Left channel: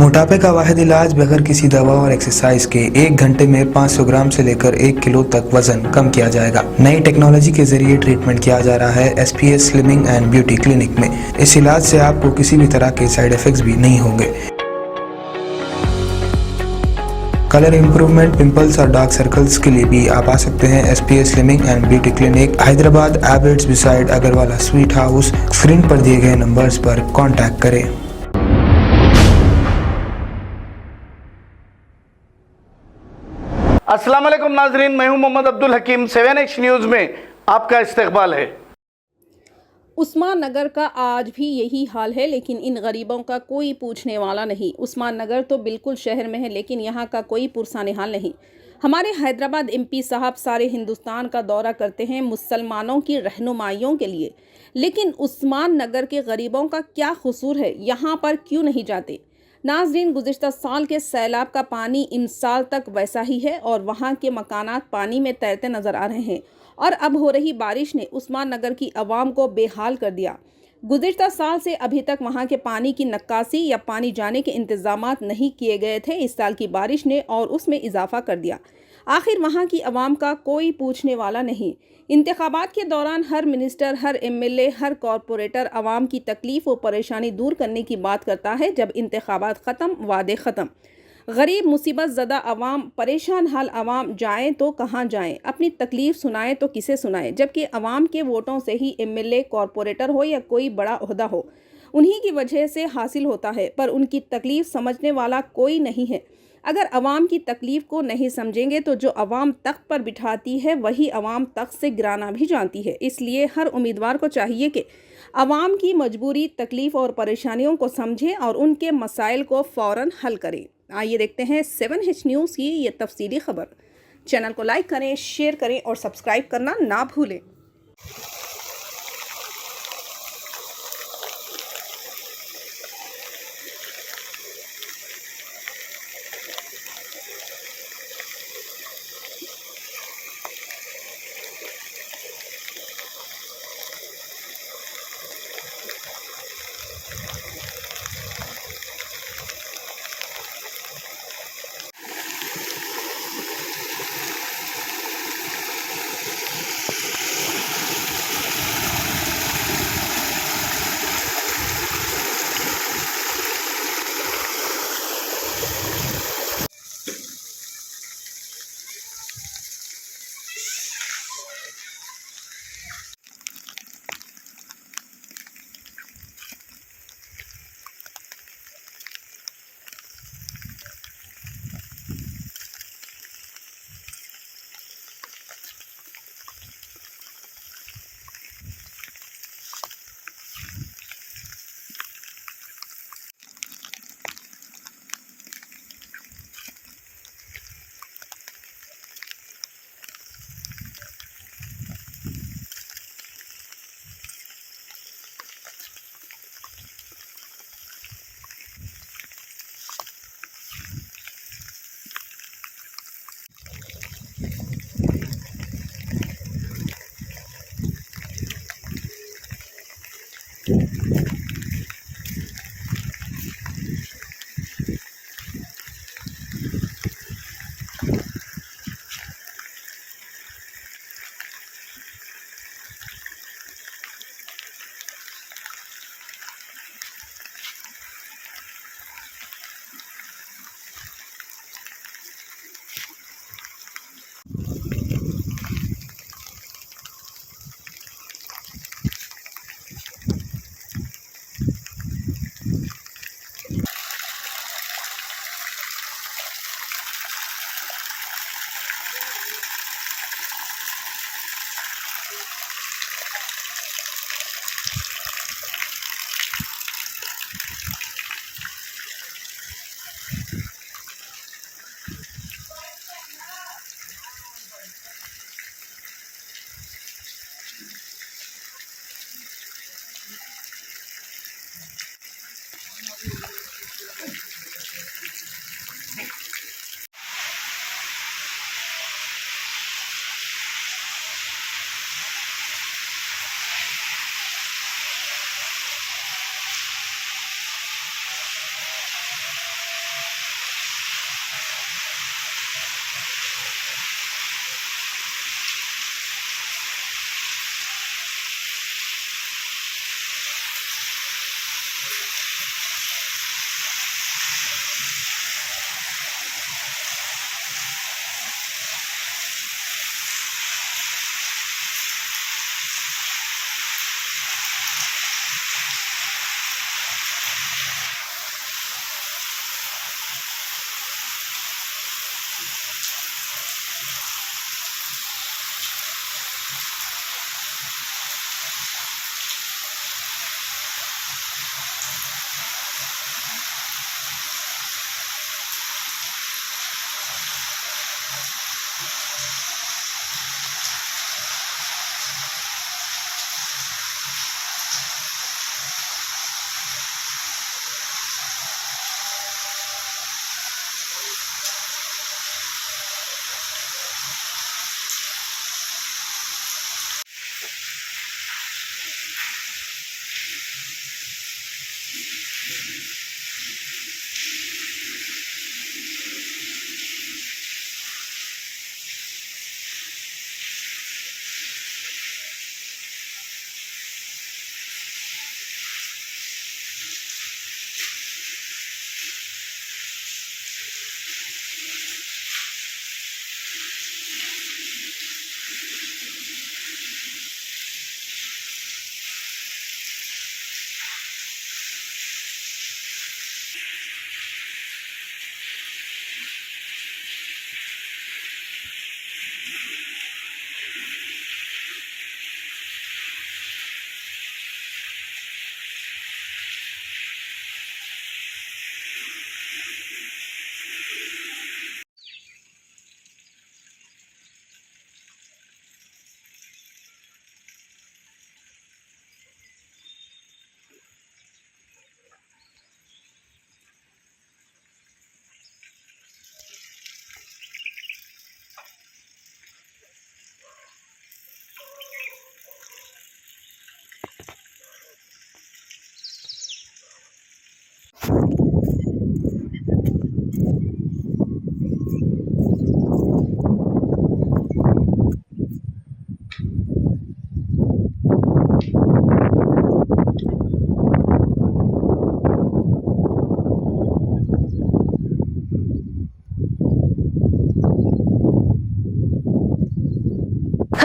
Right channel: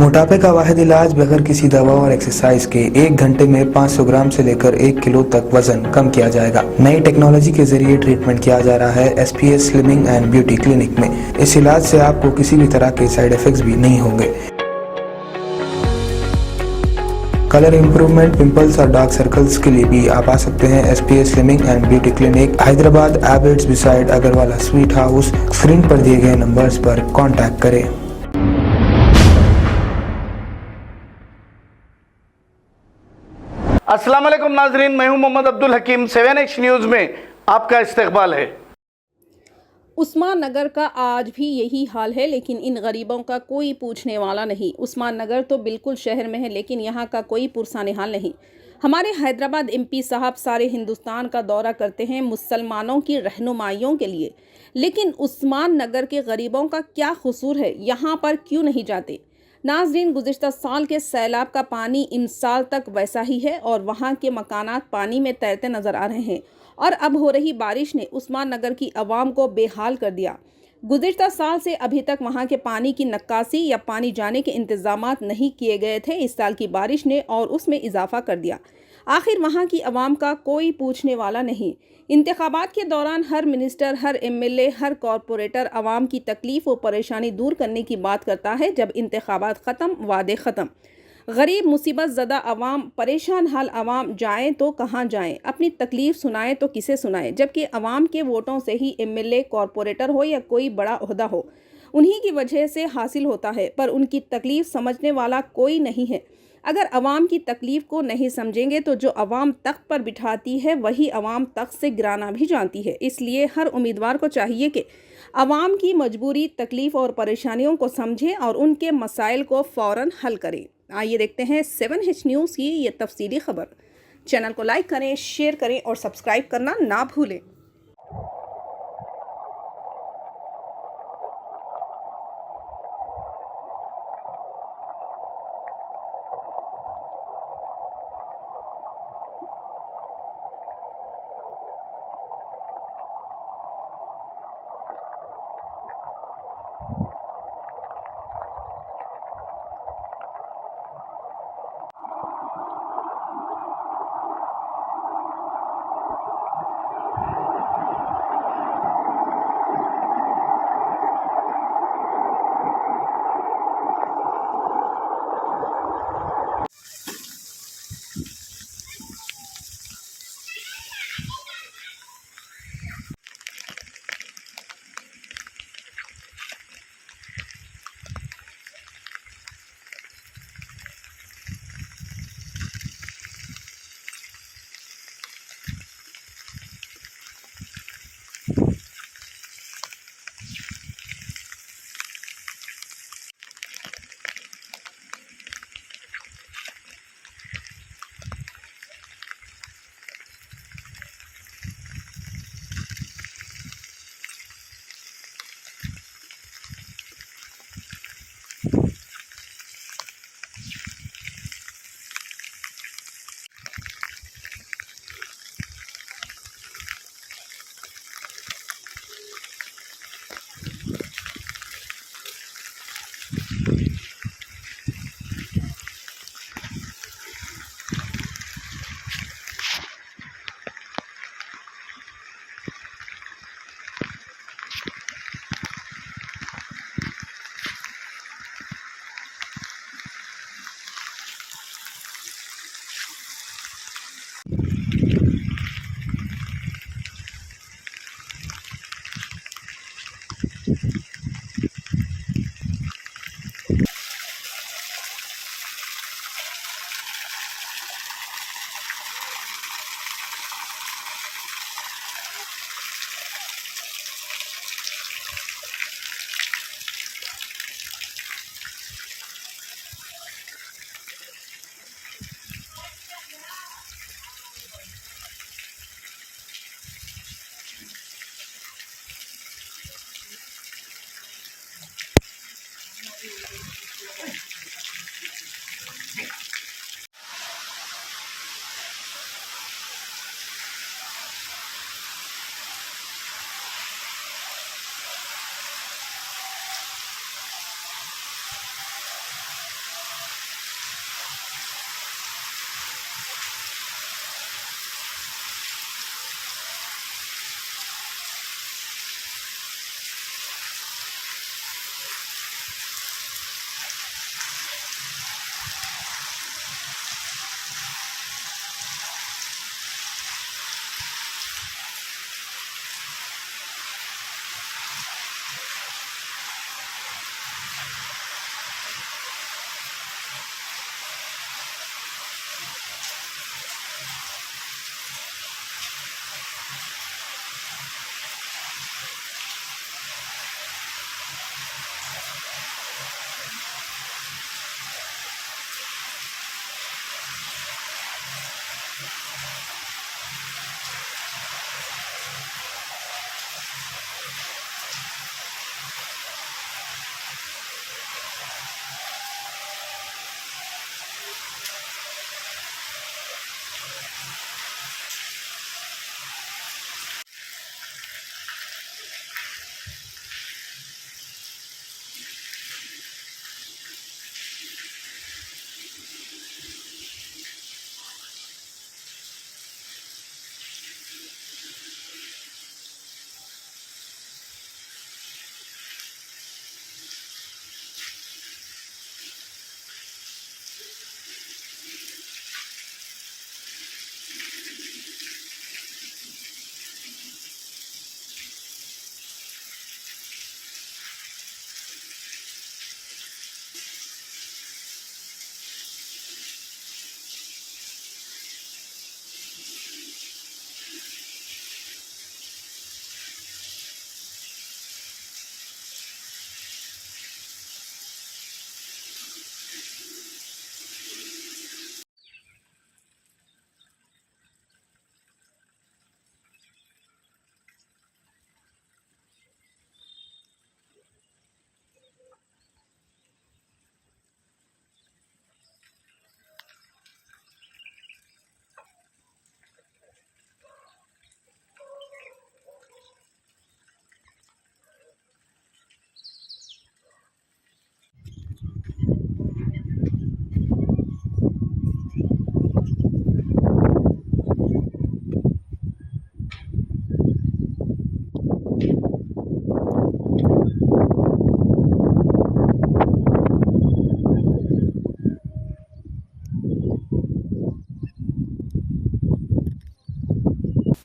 मोटापे का वाहिद इलाज बगैर किसी दवा और एक्सरसाइज के 1 घंटे में 500 ग्राम से लेकर 1 किलो तक वजन कम किया जाएगा। नई टेक्नोलॉजी के जरिए ट्रीटमेंट किया जा रहा है SPS slimming and beauty clinic में। इस इलाज से आपको किसी भी तरह के साइड इफेक्ट्स भी नहीं होंगे। कलर इंप्रूवमेंट, पिंपल्स और डार्क सर्कल्स के लिए भी आप आ सकते हैं SPS slimming and beauty clinic, Hyderabad, Abids beside Agarwala sweet house. Screen पर दिए गए नंबर्स पर कॉन्टैक्ट करें। अस्सलाम वालेकुम नाजरीन, मैं हूं मोहम्मद अब्दुल हकीम। 7H न्यूज़ में आपका इस्तकबाल है। उस्मान नगर का आज भी यही हाल है, लेकिन इन गरीबों का कोई पूछने वाला नहीं। उस्मान नगर तो बिल्कुल शहर में है, लेकिन यहाँ का कोई पुरसाने हाल नहीं। हमारे हैदराबाद MP साहब सारे हिंदुस्तान का दौरा करते हैं मुसलमानों की रहनुमाइयों के लिए, लेकिन उस्मान नगर के गरीबों का क्या कसूर है, यहाँ पर क्यों नहीं जाते? नाजरीन, गुज़िश्ता साल के सैलाब का पानी इन साल तक वैसा ही है और वहाँ के मकानात पानी में तैरते नजर आ रहे हैं और अब हो रही बारिश ने उस्मान नगर की आवाम को बेहाल कर दिया। गुज़िश्ता साल से अभी तक वहाँ के पानी की नक्कासी या पानी जाने के इंतजामात नहीं किए गए थे। इस साल की बारिश ने और उसमें इजाफा कर दिया। आखिर वहाँ की आवाम का कोई पूछने वाला नहीं। इंतखाबात के दौरान हर मिनिस्टर, हर MLA, हर कॉरपोरेटर आवाम की तकलीफ व परेशानी दूर करने की बात करता है। जब इंतखाबात ख़त्म, वादे ख़त्म। गरीब, मुसीबत ज़दा आवाम, परेशान हाल आवाम जाएं तो कहाँ जाएं, अपनी तकलीफ़ सुनाएं तो किसे सुनाएं, जबकि आवाम के वोटों से ही MLA, कॉरपोरेटर हो या कोई बड़ा ओहदा हो, उन्हीं की वजह से हासिल होता है, पर उनकी तकलीफ़ समझने वाला कोई नहीं है। अगर अवाम की तकलीफ़ को नहीं समझेंगे तो जो अवाम तख्त पर बिठाती है वही अवाम तख्त से गिराना भी जानती है। इसलिए हर उम्मीदवार को चाहिए कि अवाम की मजबूरी, तकलीफ़ और परेशानियों को समझें और उनके मसाइल को फ़ौरन हल करें। आइए देखते हैं 7H न्यूज़ की ये तफसीली खबर। चैनल को लाइक करें, शेयर करें और सब्सक्राइब करना ना भूलें।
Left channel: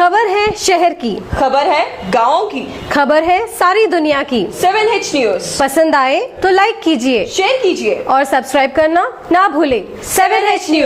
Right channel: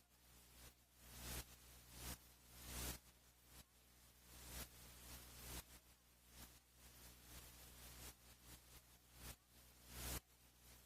खबर है शहर की, खबर है गाँव की, खबर है सारी दुनिया की। 7H न्यूज पसंद आए तो लाइक कीजिए, शेयर कीजिए और सब्सक्राइब करना ना भूलें। 7H news.